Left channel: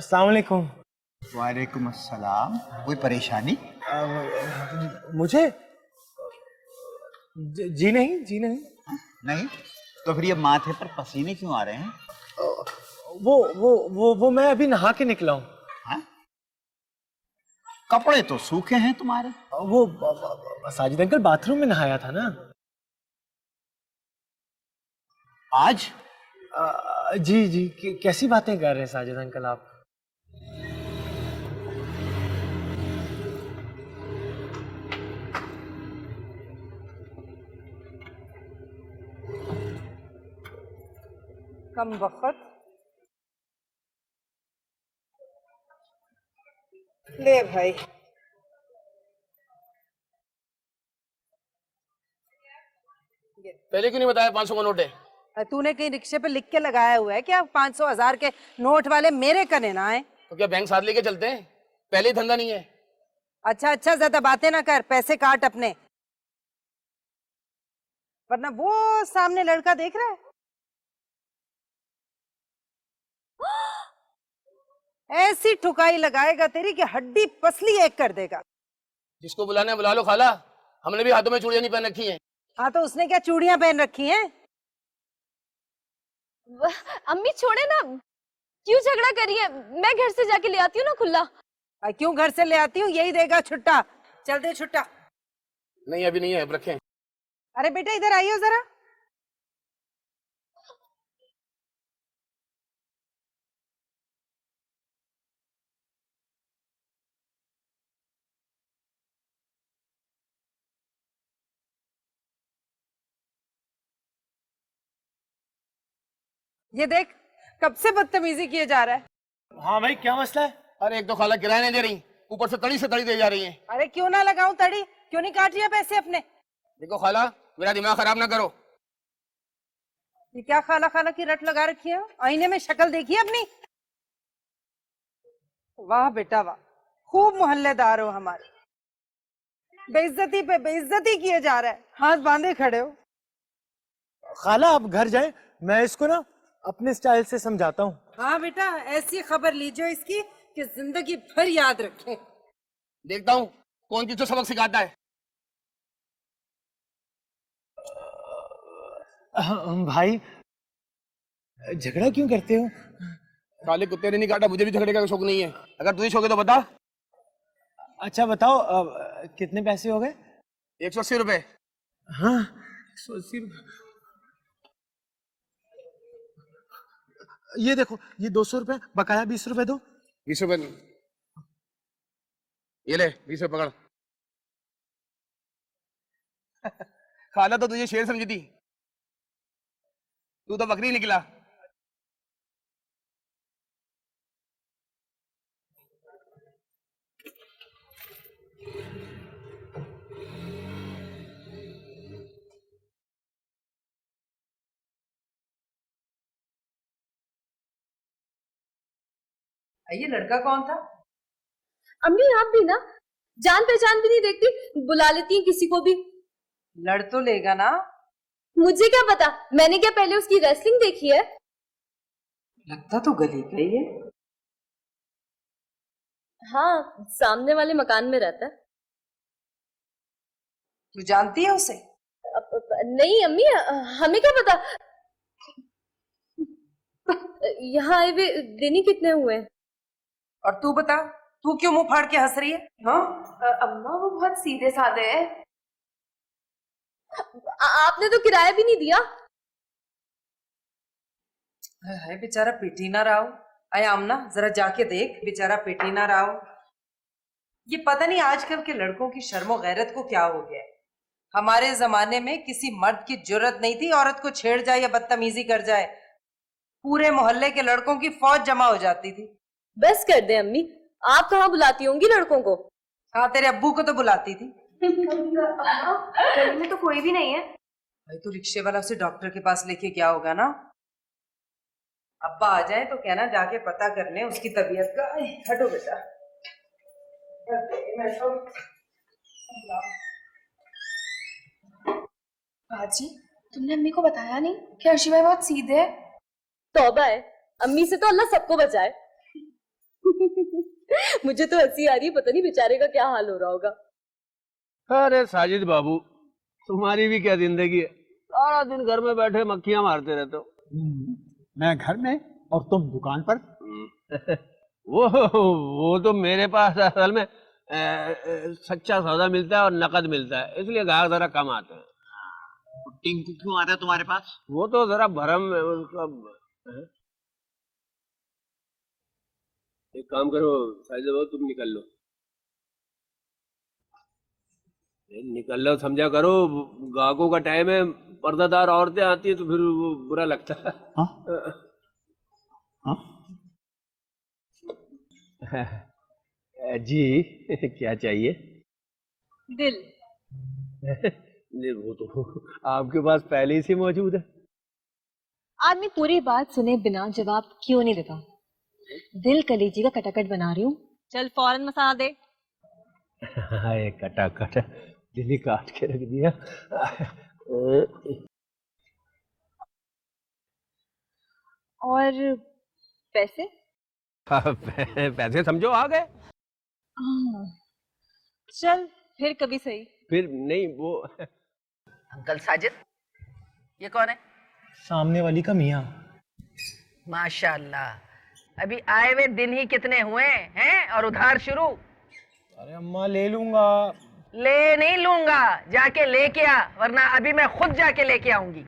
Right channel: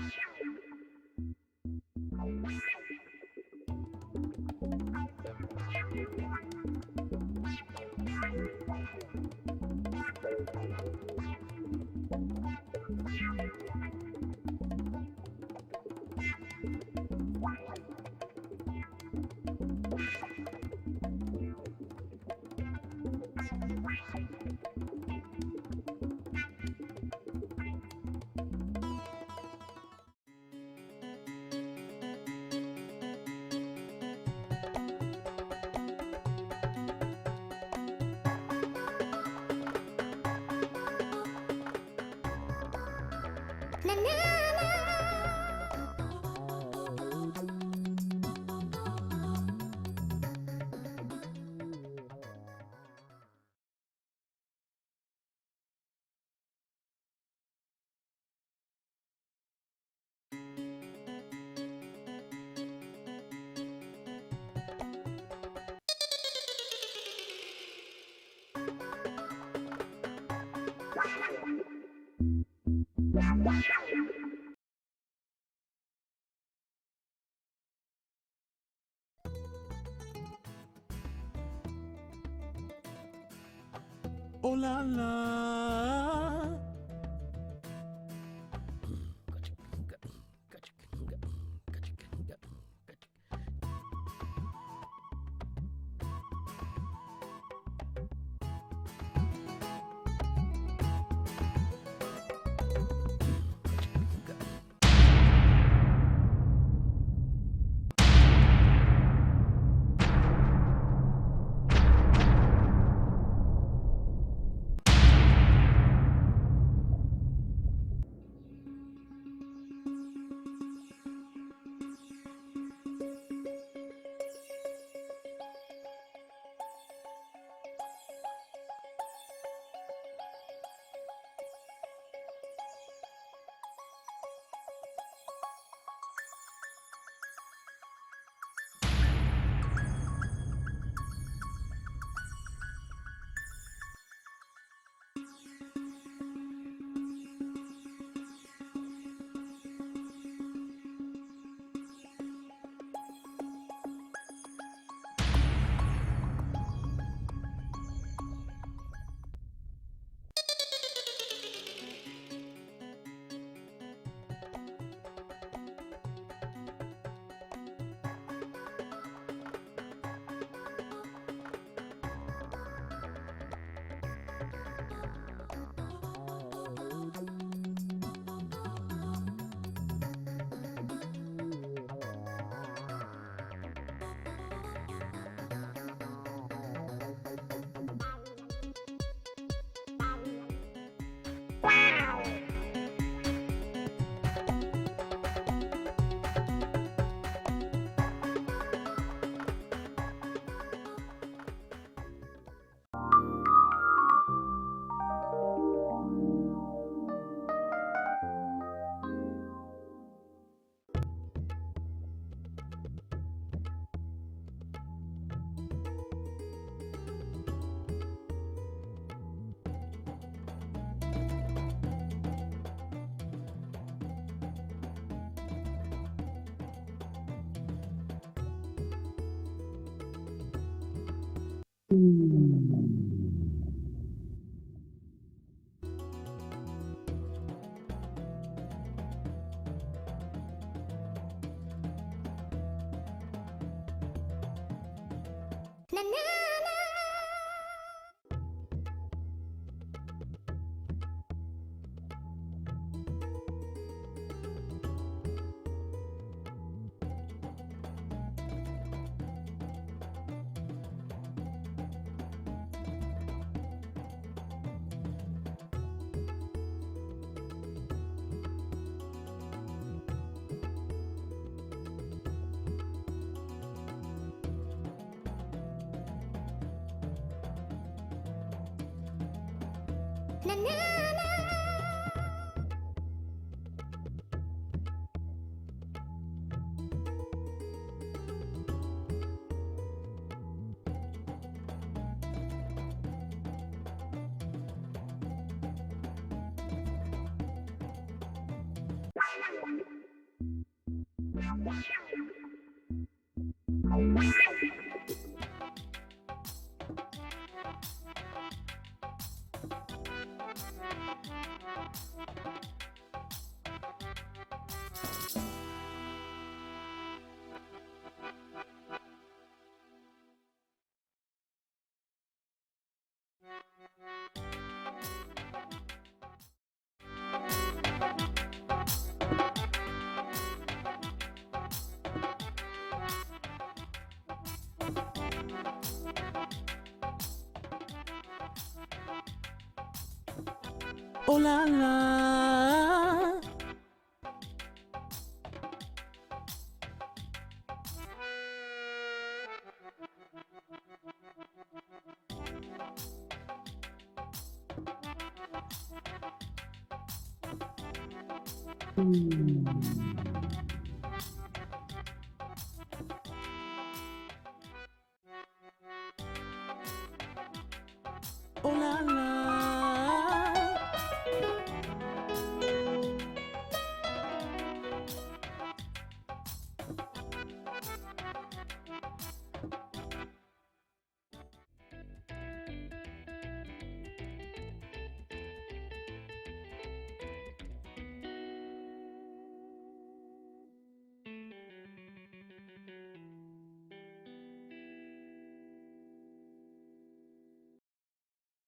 अस्सलाम वालेकुम। वालेकुम अस्सलाम। कोई परेशानी? मुझे जी नहीं, जी नहीं। नहीं? तो फिर ये माथे पर पसीने क्यों आ रहे हैं? वो मैं अभी नहा के निकला हूँ। हाँ? कपड़े तो सूखे हैं तुम्हारे। वो साजिद अंकल बाथरूम में नहाया था ना। आज? जी जी, कैसी बातें कर रहे हैं साजिद अंकल आप? कम वक्त ले भाई। पहले क्यों नहीं बताया 500 का नोट है? तूने कहीं रिक्शे पे लिख के लगाया हुआ है क्या 500 1000 के नोट वाले मेरे कने ना आए? तो क्या बैंक साथ लेके चलते हैं? पहले ही धंधा नहीं है। अच्छा अच्छा, ज्यादा बातें ना कर, पैसे काट अपने, वरना वो सामने लड़का देख रहा है, ऐसी ठुकाई लगाएगा तेरी कि हड्डी पसली एक कर देगा। जिसको बुलाना है बुला लो खाला, हमने भी हाथों में चूड़ियां नहीं पहन रखी हैं। हाँ तो उसने क्या चूड़ियां पहन रखी हैं? अम्मी छोड़े ना, क्यों झगड़ा करिए? मैं घर से जाके ले आती हूँ ना खुला। क्यों घर से ले आती हूँ? यही देगा छुट्टा। चल दे छुट्टा। नहीं अभी नहीं है, अब रखें। अरे बेटा इधर आइयो जरा। ये देख कब से बदतमीजी किए जा रहा है। हाँ भाई, क्या मसला है? अरे एक तो खाला किराया नहीं दे रही, ऊपर से तड़ी दे जा रही है। अरे क्यों ना लगाऊं तड़ी, क्यों नहीं काट रही है पैसे अपने? देखो खाला, मेरा दिमाग खराब ना करो। ये क्या खाला खाला की रट लगा रखी है? आईने में शक्ल देखी है अपनी? वाह बेटा वाह, खूब मोहल्लेदार हो हमारे। बेइज्जती पे बेइज्जती किए जा रहा है, हाथ बांधे खड़े हो। खाला आप घर जाएं, मैं इसको ना अपने स्टाइल से समझाता हूँ। हाँ बेटा, ऐसी खबर लीजिए इसकी कि जिंदगी भर याद रखें। देखता हूँ कौन किसको सबक सिखाता है। भाई झगड़ा क्यों करते हो? काले कुत्ते ने नहीं काटा, मुझे भी झगड़े का शौक नहीं है। अगर तुझे शौक है तो बता। अच्छा बताओ, कितने पैसे हो गए? 180 रुपए। हाँ 180 रुपए। ये देखो, ये 200 रुपए, बकाया 20 रुपए दो। 20 रुपए नहीं, ये ले 20 रुपए पकड़। खाला तो तुझे शेर समझी थी, तू तो बकरी निकला। ये लड़का कौन था? अम्मी आप भी ना जान पहचान भी नहीं देखती, बुला लेती हैं किसी को भी। लड़ तो लेगा ना? मुझे क्या पता, मैंने क्या पहले उसकी रेसलिंग देखी है? लगता तो गली पे ही है। हाँ, सामने वाले मकान में रहता है। तू जानती है उसे? नहीं अम्मी, हमें क्या पता। यहाँ आए हुए दिन ही कितने हुए? और तू बता, तू क्यों मुंह फाड़ के हंस रही है? हाँ? अम्मा वो बहुत सीधे साधे हैं। आपने तो किराया भी नहीं दिया। है बेचारा पेटी ना रहा हो। आय आमना जरा जाके देख, बेचारा पेटी ना रहा हो। ये पता नहीं आजकल के लड़कों की शर्मो गैरत को क्या हो गया है। हमारे जमाने में किसी मर्द की जुर्रत नहीं थी औरत को छेड़ जाए या बदतमीजी कर जाए, पूरे मोहल्ले के लड़कों की फौज जमा हो जाती थी। बस कर दे अम्मी, आप कहाँ बुलाती होंगी लड़कों को? हाँ तेरे अब्बू को तो बुलाती थी। गली में तो कोई भी नहीं है। तू रिक्शे वाला उसे डॉक्टर के पास लेके गया होगा ना? अब्बा आ जाए तो कहना जाके पता करने उसकी तबीयत का। हटो बेटा। बाजी, तुमने अम्मी को बताया नहीं कि अर्शी भाई बहुत सीधे है? तौबा है, अम्मी से तो अल्लाह सबको बचाए। मुझे तो हंसी आ रही है, पता नहीं बेचारे का क्या हाल हो रहा होगा। अरे साजिद बाबू, तुम्हारी भी क्या जिंदगी है, सारा दिन घर में बैठे मक्खियां मारते रहते हो। मैं घर में और तुम दुकान पर। वो तो मेरे पास असल में सच्चा सौदा मिलता है और नकद मिलता है, इसलिए ग्राहक जरा कम आते हैं। टिंकू क्यों आता है तुम्हारे पास? वो तो जरा भरम है उसका। एक काम करो साजिद बाबू, तुम निकल लो, निकल लो, समझा करो ग्राहकों का टाइम है, पर्दादार औरतें आती है तो फिर वो बुरा लगता है। जी क्या चाहिए? दिल। नहीं, वो तो आपके पास पहले ही से मौजूद है। आदमी पूरी बात सुने बिना जवाब क्यों नहीं देता? दिल कलेजी का कटाकट बना रही हूँ, चल फौरन मसाला दे। हाय कटाकट, दिल ही काट के रख दिया। और पैसे? पैसे समझो आ गए। चल फिर कभी सही। फिर नहीं वो अंकल साजिद, ये कौन है? सामने वाली का मियाँ। माशाल्लाह, अभी आए हुए दिन ही कितने हुए हैं और उधार शुरू। अरे अम्मा ले लूंगा। ले नहीं लूंगा, जाके लेके आ, वरना अभी मैं खुद जाके लेके आऊंगी।